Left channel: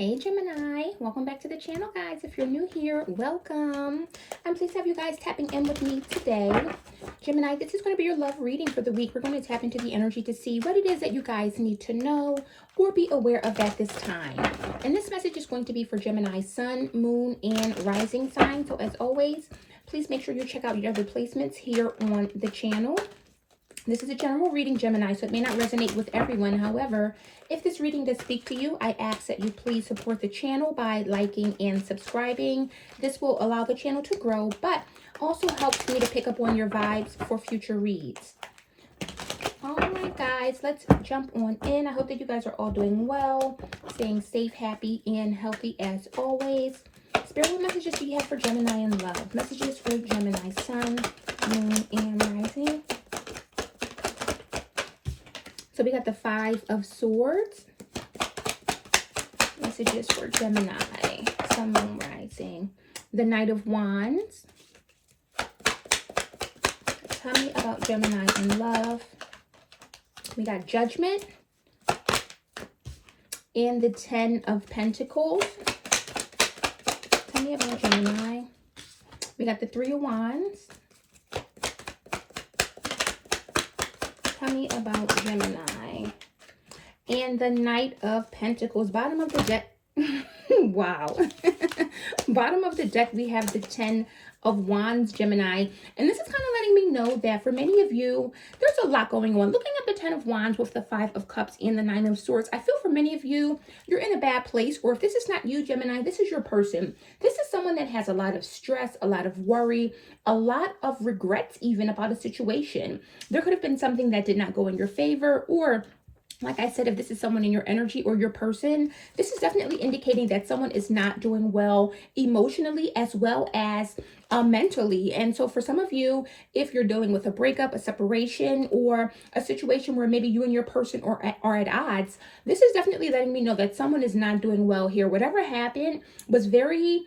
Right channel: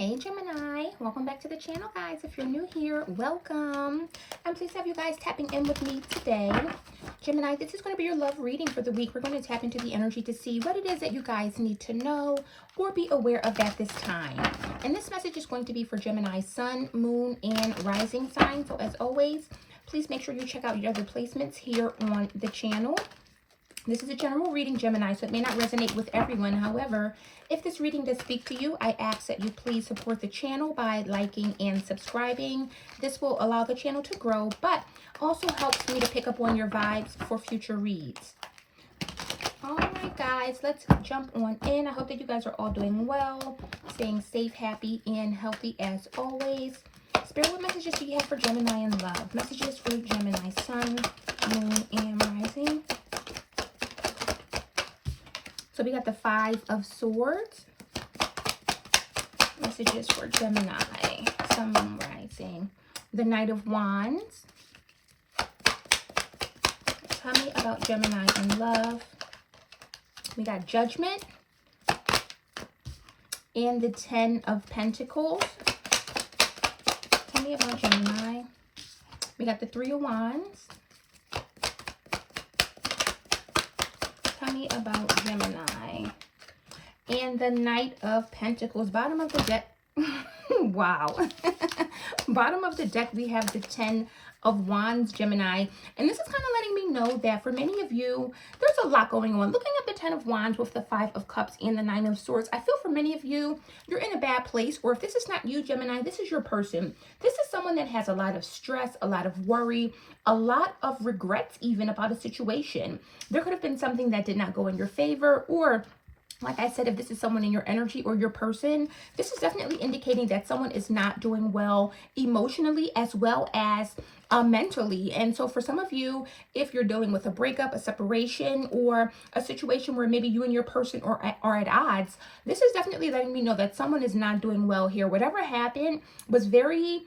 Hey Gemini, welcome back to the channel, guys. If you're new here, welcome. I'm pleased to have you guys tapping in with me today. Gemini, this is going to be your love reading for the week. We're going to tap into the energy to see what it is that you guys need to know or be aware of at this time. And this message is going to be for Gemini sun, moon, and rising sign. So as always, please make sure you check out your other placements here on the channel. This is a general reading, Gemini, so it may not resonate with everyone. However, if this reading does speak to you, I ask that you please support the channel by liking and subscribing. This will allow the channel to grow, but also helps me to pick up on your vibes for future reads. All right, guys, let's jump on in. I hope that you guys are all doing well, staying safe, happy, and healthy as always. Spirit, what messages do you have for Gemini in love? Messages for Gemini sun, moon, and rising. So we got the Five of Swords. Messages for Gemini, Sun, Moon, Rising. The Knight of Wands. Tell me about Gemini in love. We got Judgment. And the Ten of Pentacles. Tell me about Gemini. We got the Three of Wands. Tell me about Gemini. And the Knight of Pentacles. Bottom of the deck. Wow. Bottom of the deck, we have the Ten of Wands, Gemini. And this is kind of letting me know that for many of you, there's a lot going on. Looking at the Ten of Wands with the Five of Cups and the Nine of Swords, I feel for many of you, you're in a bad place. Or if this is not you, Gemini, this is your person. This is someone that has a lot of stress, a lot of worry, a lot of regrets even about a situation. There could have been something that did not go in your favor, or like I said, if this is someone in your energy or your person, this is definitely indicating that someone is not doing well emotionally as well as mentally. And so for some of you, if you're dealing with a breakup, a separation, or a situation where maybe you and your person are at odds, this is definitely letting me know that someone is not doing well here. Whatever happened was very,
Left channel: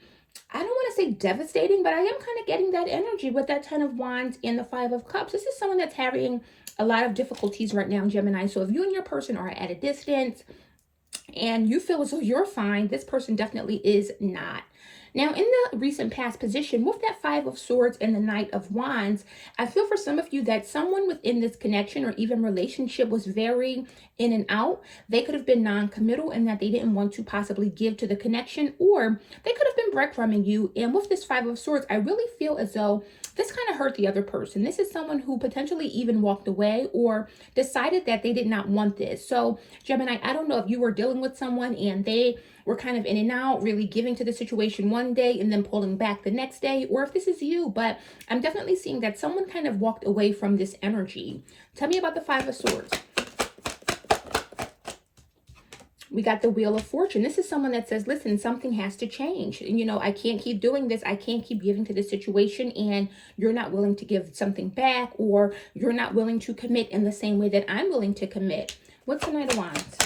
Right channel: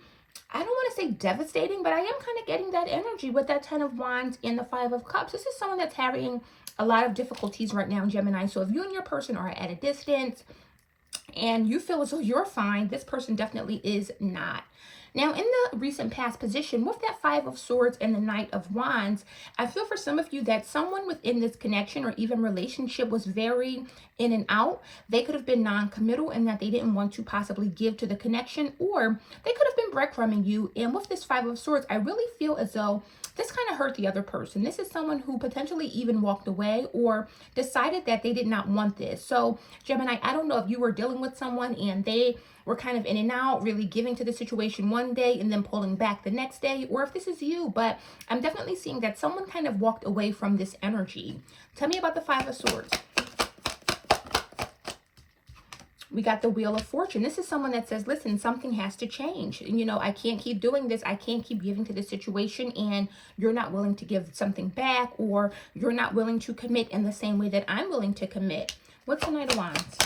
I don't want to say devastating, but I am kind of getting that energy with that Ten of Wands and the Five of Cups. This is someone that's having a lot of difficulties right now, Gemini. So if you and your person are at a distance and you feel as though you're fine, this person definitely is not. Now, in the recent past position with that Five of Swords and the Knight of Wands, I feel for some of you that someone within this connection or even relationship was very in and out. They could have been non-committal in that they didn't want to possibly give to the connection, or they could have been breadcrumbing you. And with this Five of Swords, I really feel as though this kind of hurt the other person. This is someone who potentially even walked away or decided that they did not want this. So, Gemini, I don't know if you were dealing with someone and they were kind of in and out, really giving to the situation one day and then pulling back the next day, or if this is you, but I'm definitely seeing that someone kind of walked away from this energy. Tell me about the Five of Swords. We got the Wheel of Fortune. This is someone that says, listen, something has to change. You know, I can't keep doing this. I can't keep giving to this situation, and you're not willing to give something back, or you're not willing to commit in the same way that I'm willing to commit. What's the Knight of Wands?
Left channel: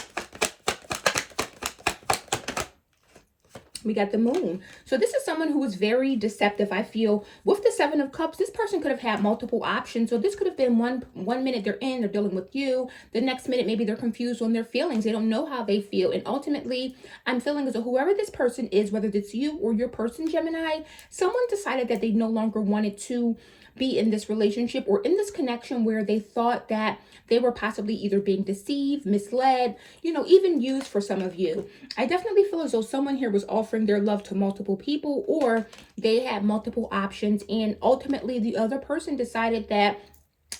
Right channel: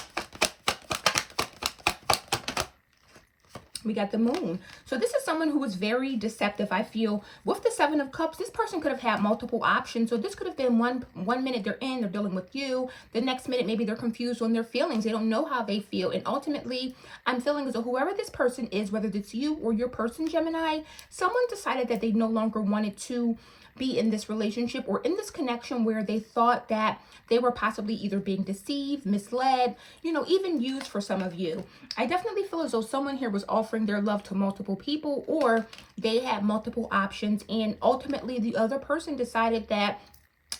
We got the Moon. So this is someone who is very deceptive, I feel. With the Seven of Cups, this person could have had multiple options. So this could have been one minute they're dealing with you. The next minute, maybe they're confused on their feelings. They don't know how they feel. And ultimately, I'm feeling as though whoever this person is, whether it's you or your person, Gemini, someone decided that they no longer wanted to be in this relationship or in this connection where they thought that they were possibly either being deceived, misled, you know, even used for some of you. I definitely feel as though someone here was offering their love to multiple people, or they had multiple options, and ultimately the other person decided that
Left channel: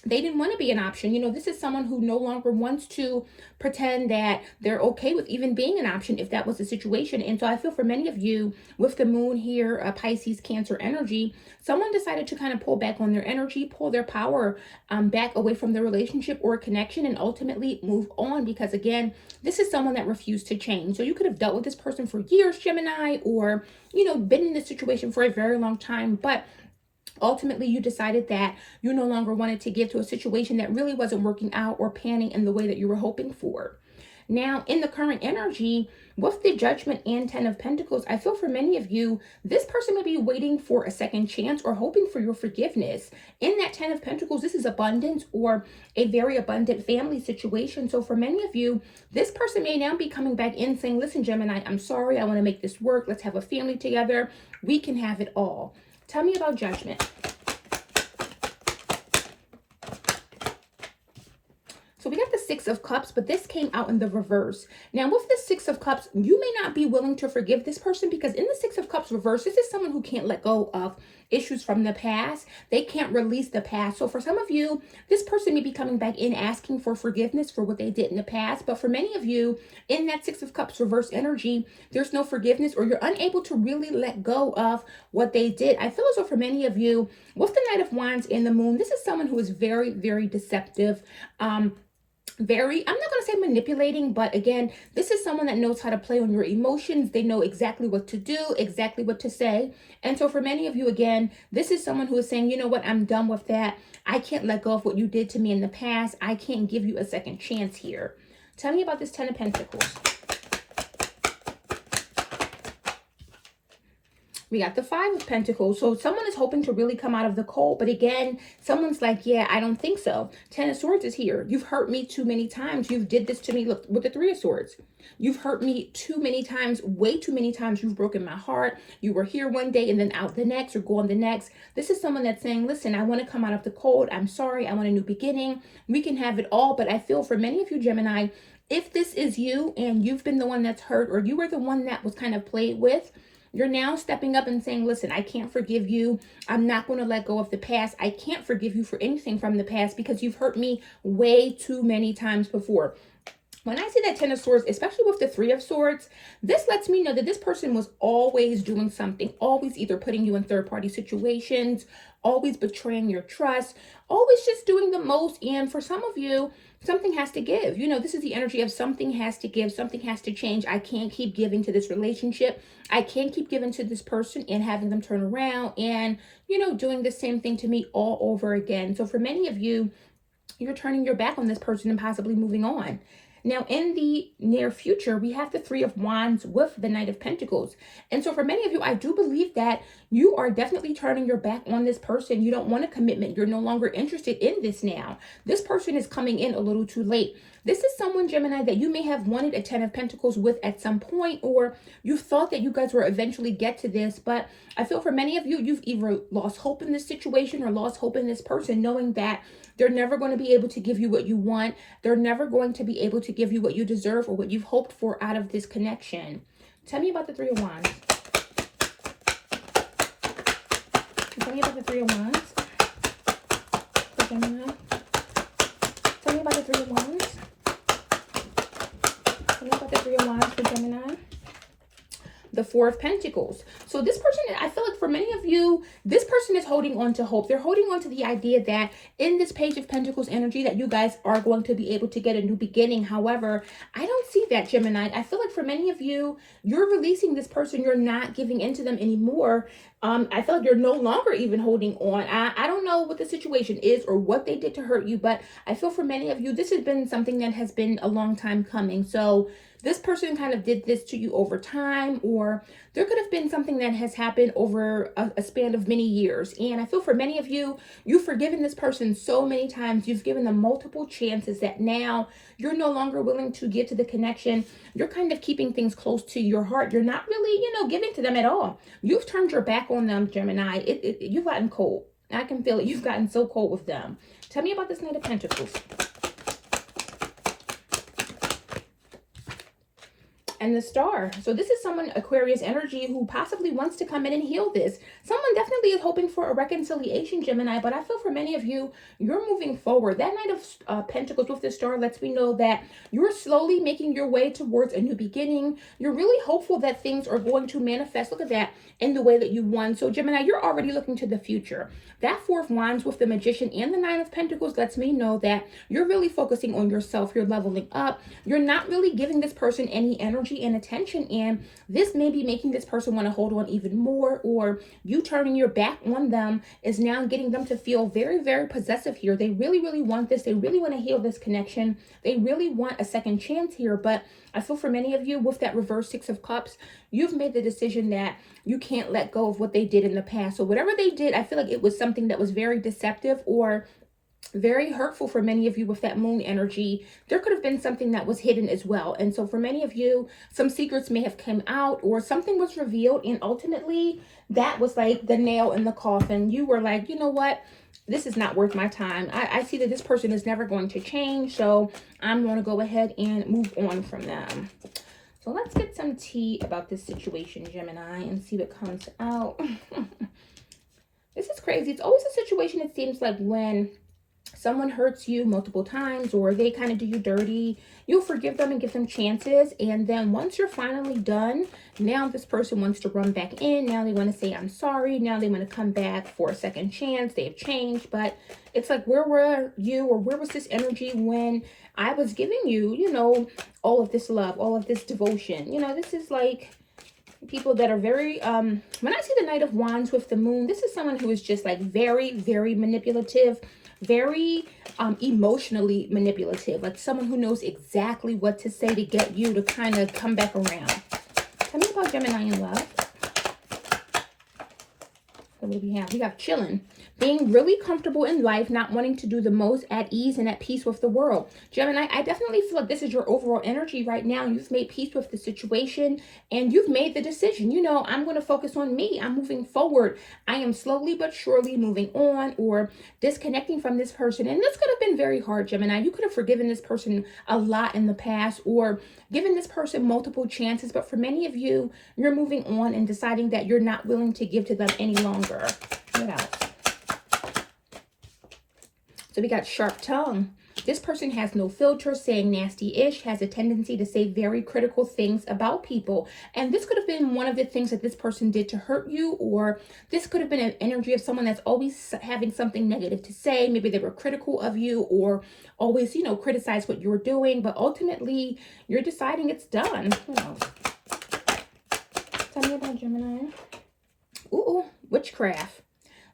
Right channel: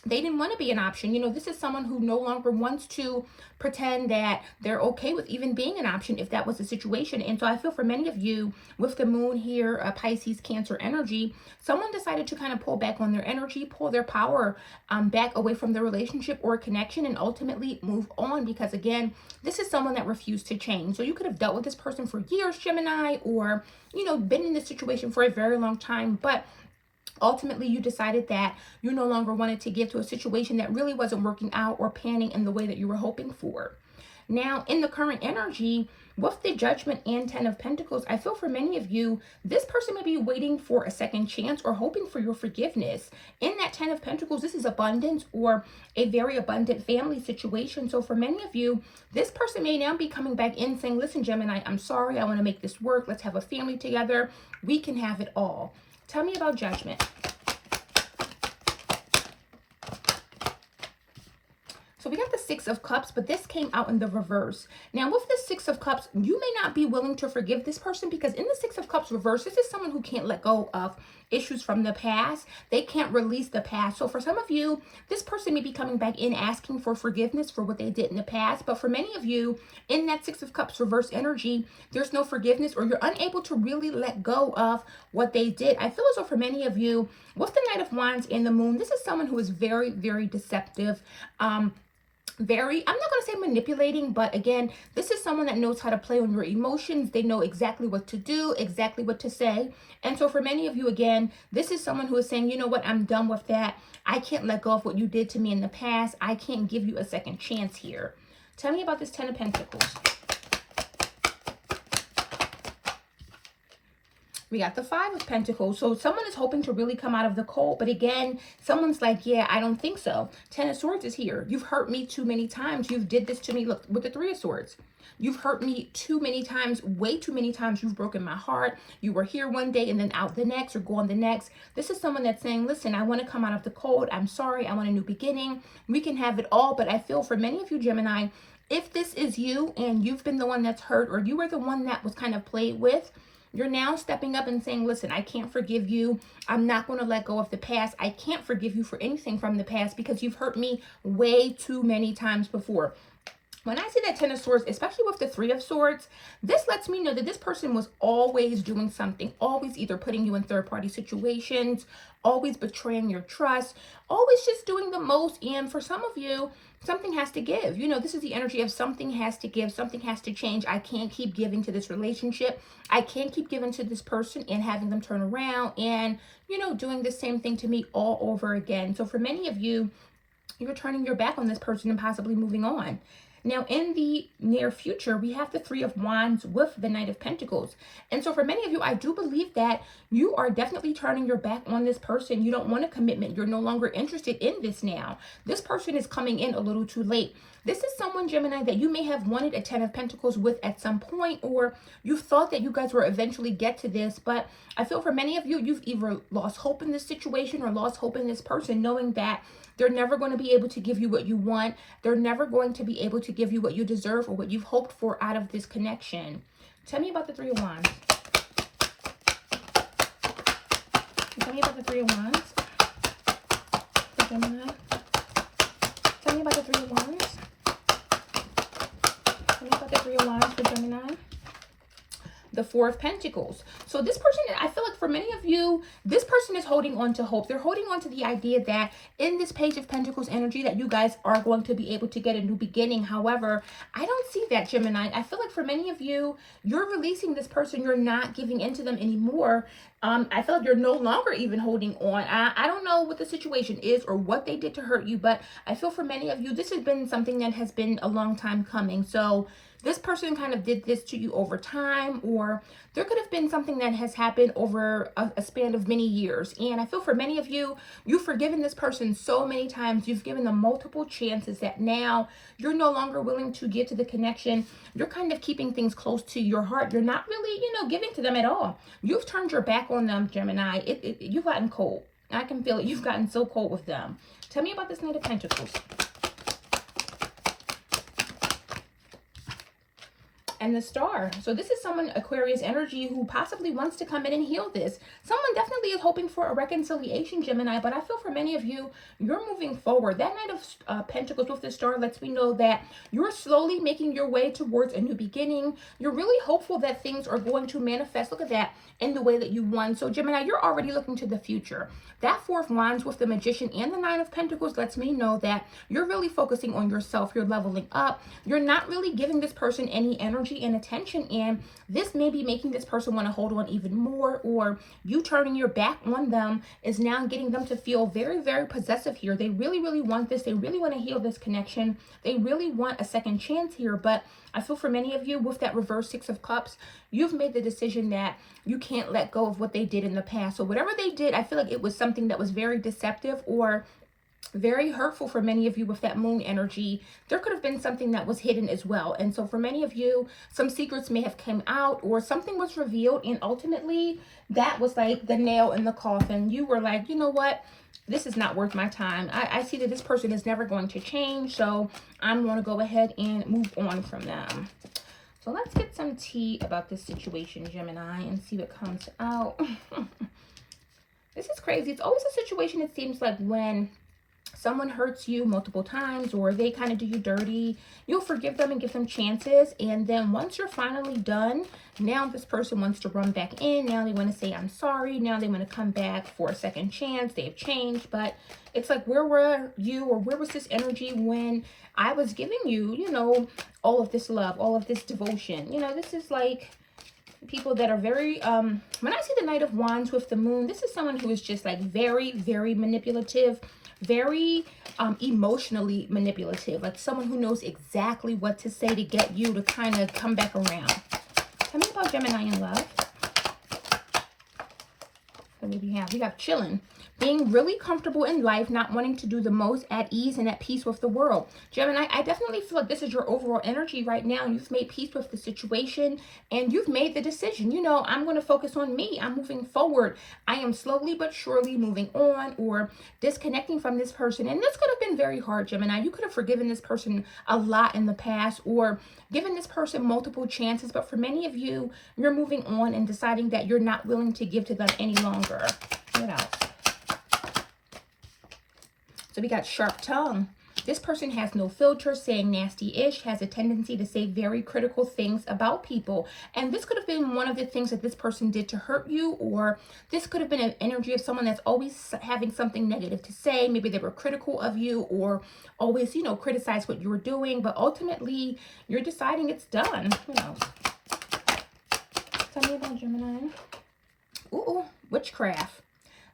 they didn't want to be an option. You know, this is someone who no longer wants to pretend that they're okay with even being an option if that was the situation. And so I feel for many of you with the Moon here, Pisces, Cancer energy, someone decided to kind of pull back on their energy, pull their power back away from the relationship or connection, and ultimately move on, because again, this is someone that refused to change. So you could have dealt with this person for years, Gemini, or, you know, been in this situation for a very long time, but ultimately you decided that you no longer wanted to give to a situation that really wasn't working out or panning in the way that you were hoping for. Now, in the current energy, with the Judgment and Ten of Pentacles, I feel for many of you, this person may be waiting for a second chance or hoping for your forgiveness. In that Ten of Pentacles, this is abundance or a very abundant family situation. So for many of you, this person may now be coming back in saying, listen, Gemini, I'm sorry. I want to make this work. Let's have a family together. We can have it all. Tell me about Judgment. So we got the Six of Cups, but this came out in the reverse. Now with the Six of Cups, you may not be willing to forgive this person because in the Six of Cups reverse, this is someone who can't let go of issues from the past. They can't release the past. So for some of you, this person may be coming back in asking for forgiveness for what they did in the past. But for many of you, in that Six of Cups reverse energy, there's no forgiveness or you're unable to really let go of what they did. I feel as though for many of you, with the Knight of Wands and the Moon, this is someone who is very, very deceptive. I'm not going to say manipulating, but again, this is someone that knows how to play on your emotions. They know exactly what to do, exactly what to say. And so for many of you, again, this is someone who is saying, you know what, I'm done with that. I can't let go of what you did to me in the past. I can't give you a second chance here. Tell me about this Ten of Pentacles. We got the Five of Pentacles. So someone is hoping to really come out of the cold. But again, someone's like, yeah, I don't think so. Ten of Swords is here. You've hurt me too many times. You've did this to me. Look, with the Three of Swords. You've hurt me too many times. Way too many times. You've broken my heart. You were here one day and then out the next or gone the next. This is someone that's saying, listen, I want to come out of the cold. I'm sorry. I want a new beginning. We can have it all. But I feel for many of you, Gemini, if this is you and you've been the one that's hurt or you were the one that was kind of played with, you're now stepping up and saying, listen, I can't forgive you. I'm not going to let go of the past. I can't forgive you for anything from the past because you've hurt me way too many times before. When I see that Ten of Swords, especially with the Three of Swords, this lets me know that this person was always doing something, always either putting you in third-party situations, always betraying your trust, always just doing the most. And for some of you, something has to give. You know, this is the energy of something has to give, something has to change. I can't keep giving to this relationship. I can't keep giving to this person and having them turn around and, you know, doing the same thing to me all over again. So for many of you, you're turning your back on this person and possibly moving on. Now, in the near future, we have the Three of Wands with the Knight of Pentacles. And so for many of you, I do believe that you are definitely turning your back on this person. You don't want a commitment. You're no longer interested in this now. This person is coming in a little too late. This is someone, Gemini, that you may have wanted a Ten of Pentacles with at some point, or you thought that you guys will eventually get to this. But I feel for many of you, you've either lost hope in this situation or lost hope in this person, knowing that they're never going to be able to give you what you want. They're never going to be able to give you what you deserve or what you've hoped for out of this connection. Tell me about the Three of Wands. Tell me about the Three of Wands. For Gemini. Tell me about the Three of Wands. Tell me about the Three of Wands for Gemini. The Four of Pentacles. So this person, I feel like for many of you, this person is holding on to hope. They're holding on to the idea that in this Page of Pentacles energy that you guys are going to be able to get a new beginning. However, I don't see that, Gemini. I feel like for many of you, you're releasing this person. You're not giving into them anymore. I feel like you're no longer even holding on. I don't know what the situation is or what they did to hurt you, but I feel for many of you, this has been something that has been a long time coming. So this person kind of did this to you over time, or there could have been something that has happened over a span of many years. And I feel for many of you, you've forgiven this person so many times. You've given them multiple chances that now you're no longer willing to give to the connection. You're kind of keeping things close to your heart. You're not really, you know, giving to them at all. You've turned your back on them, Gemini. You've gotten cold. I can feel it. You've gotten so cold with them. Tell me about this Knight of Pentacles. And the Star. So this is someone, Aquarius energy, who possibly wants to come in and heal this. Someone definitely is hoping for a reconciliation, Gemini, but I feel for many of you, you're moving forward. That Knight of Pentacles with the Star lets me know that you're slowly making your way towards a new beginning. You're really hopeful that things are going to manifest. Look at that, in the way that you want. So Gemini, you're already looking to the future. That Four of Wands with the Magician and the Nine of Pentacles lets me know that you're really focusing on yourself. You're leveling up. You're not really giving this person any energy energy and attention, and this may be making this person want to hold on even more, or you turning your back on them is now getting them to feel very, very possessive here. They really, really want this. They really want to heal this connection. They really want a second chance here. But I feel for many of you with that reverse Six of Cups, you've made the decision that you can't let go of what they did in the past. So whatever they did, I feel like it was something that was very deceptive or very hurtful for many of you with that moon energy. There could have been something that was hidden as well. And so for many of you, some secrets may have come out or something was revealed. And ultimately, that was like the nail in the coffin. You were like, you know what? This is not worth my time. I see that this person is never going to change. So I'm going to go ahead and move on from them. So let's get some tea about this situation, Gemini, and see what comes out. This is crazy. It's always a situation, it seems like, when someone hurts you multiple times or they kind of do you dirty, you'll forgive them and give them chances. And then once you're finally done, now this person wants to run back in. Now they want to say, I'm sorry. Now they want to come back for a second chance. They've changed. But it's like, where were you, or where was this energy when I was giving you, you know, all of this love, all of this devotion? You know, this is like people that are very, when I see the Knight of Wands with the moon, this is someone who is just like very, very manipulative, very emotionally manipulative, like someone who knows exactly what to say to get you to kind of come back around. Tell me about Gemini in love. So what do we have? We have chilling. Being really comfortable in life, not wanting to do the most, at ease and at peace with the world. Gemini, I definitely feel like this is your overall energy right now. You've made peace with the situation and you've made the decision. You know, I'm going to focus on me. I'm moving forward. I am slowly but surely moving on or disconnecting from this person. And this could have been very hard, Gemini. You could have forgiven this person a lot in the past or given this person multiple chances. But for many of you, you're moving on and deciding that you're not willing to give to them any longer. What else? So we got sharp tongue. This person has no filter, saying nasty-ish, has a tendency to say very critical things about people. And this could have been one of the things that this person did to hurt you, or this could have been an energy of someone that's always having something negative to say. Maybe they were critical of you or always, you know, criticize what you're doing. But ultimately, you're deciding it's done. What else? Tell me about Gemini. Ooh, witchcraft.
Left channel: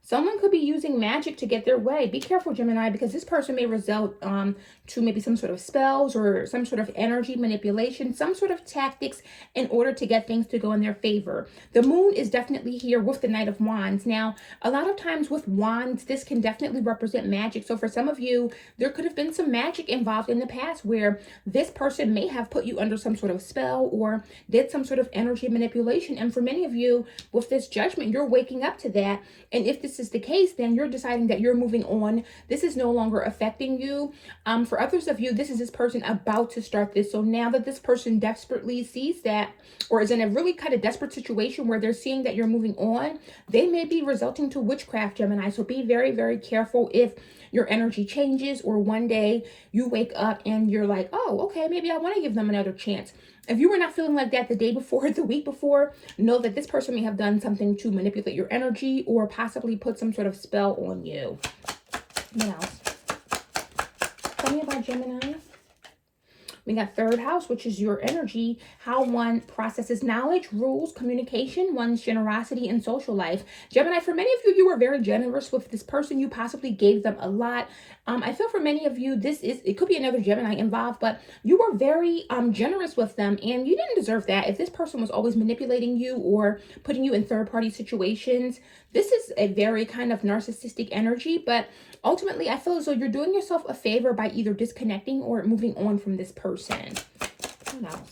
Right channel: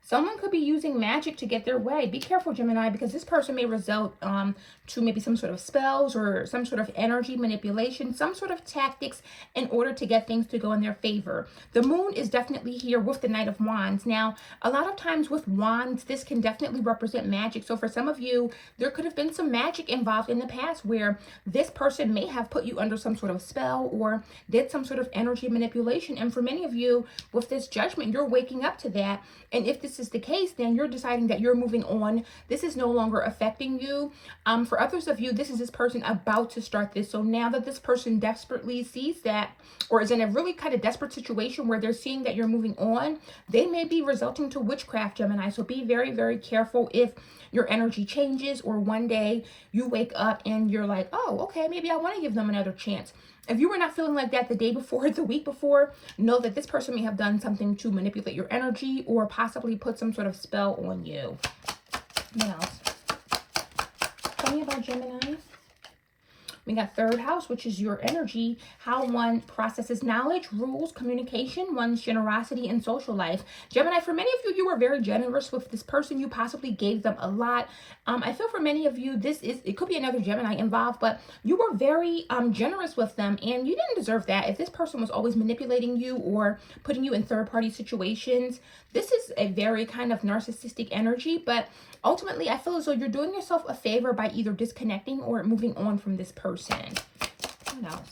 Someone could be using magic to get their way. Be careful, Gemini, because this person may resort to maybe some sort of spells or some sort of energy manipulation, some sort of tactics in order to get things to go in their favor. The moon is definitely here with the Knight of Wands. Now, a lot of times with wands, this can definitely represent magic. So for some of you, there could have been some magic involved in the past where this person may have put you under some sort of spell or did some sort of energy manipulation. And for many of you, with this judgment, you're waking up to that. And if this is the case, then you're deciding that you're moving on. This is no longer affecting you. For others of you, this is this person about to start this. So now that this person desperately sees that, or is in a really kind of desperate situation where they're seeing that you're moving on, they may be resulting to witchcraft, Gemini. So be very, very careful if your energy changes or one day you wake up and you're like, oh, okay, maybe I want to give them another chance. If you were not feeling like that the day before, the week before, know that this person may have done something to manipulate your energy or possibly put some sort of spell on you. What else? Tell me about Gemini. We got third house, which is your energy, how one processes knowledge, rules, communication, one's generosity, and social life. Gemini, for many of you, you were very generous with this person. You possibly gave them a lot. I feel for many of you, it could be another Gemini involved, but you were very generous with them, and you didn't deserve that. If this person was always manipulating you or putting you in third-party situations, this is a very kind of narcissistic energy, but ultimately, I feel as though you're doing yourself a favor by either disconnecting or moving on from this person. What else?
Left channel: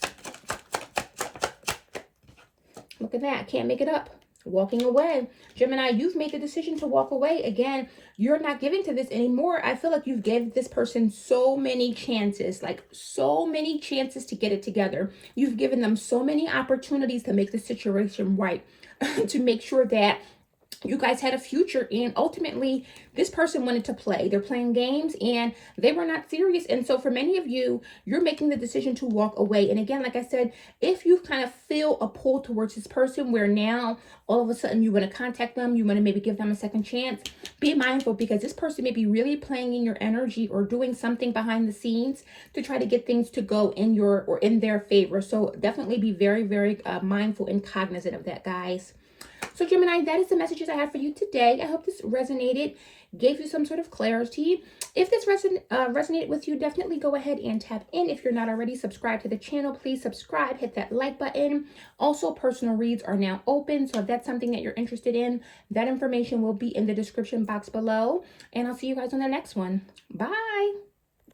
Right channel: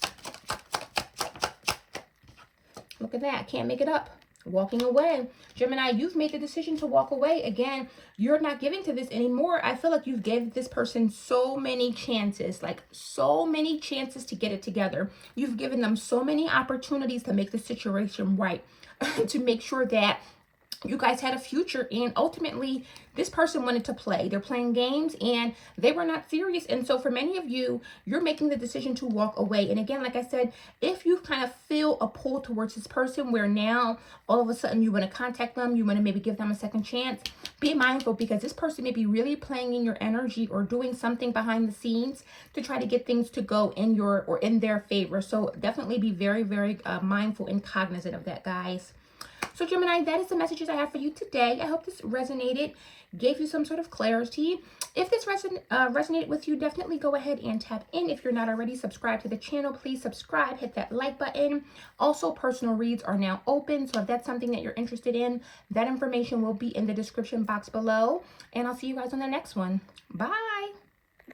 Look at that. Can't make it up. Walking away. Gemini, you've made the decision to walk away. Again, you're not giving to this anymore. I feel like you've given this person so many chances, like so many chances to get it together. You've given them so many opportunities to make the situation right, to make sure that you guys had a future, and ultimately this person wanted to play. They're playing games and they were not serious. And so for many of you, you're making the decision to walk away. And again, like I said, if you kind of feel a pull towards this person where now all of a sudden you want to contact them, you want to maybe give them a second chance, be mindful, because this person may be really playing in your energy or doing something behind the scenes to try to get things to go in your or in their favor. So definitely be very, very mindful and cognizant of that, guys. So Gemini, that is the messages I have for you today. I hope this resonated, gave you some sort of clarity. If this resonated with you, definitely go ahead and tap in. If you're not already subscribed to the channel, please subscribe, hit that like button. Also, personal reads are now open. So if that's something that you're interested in, that information will be in the description box below. And I'll see you guys on the next one. Bye.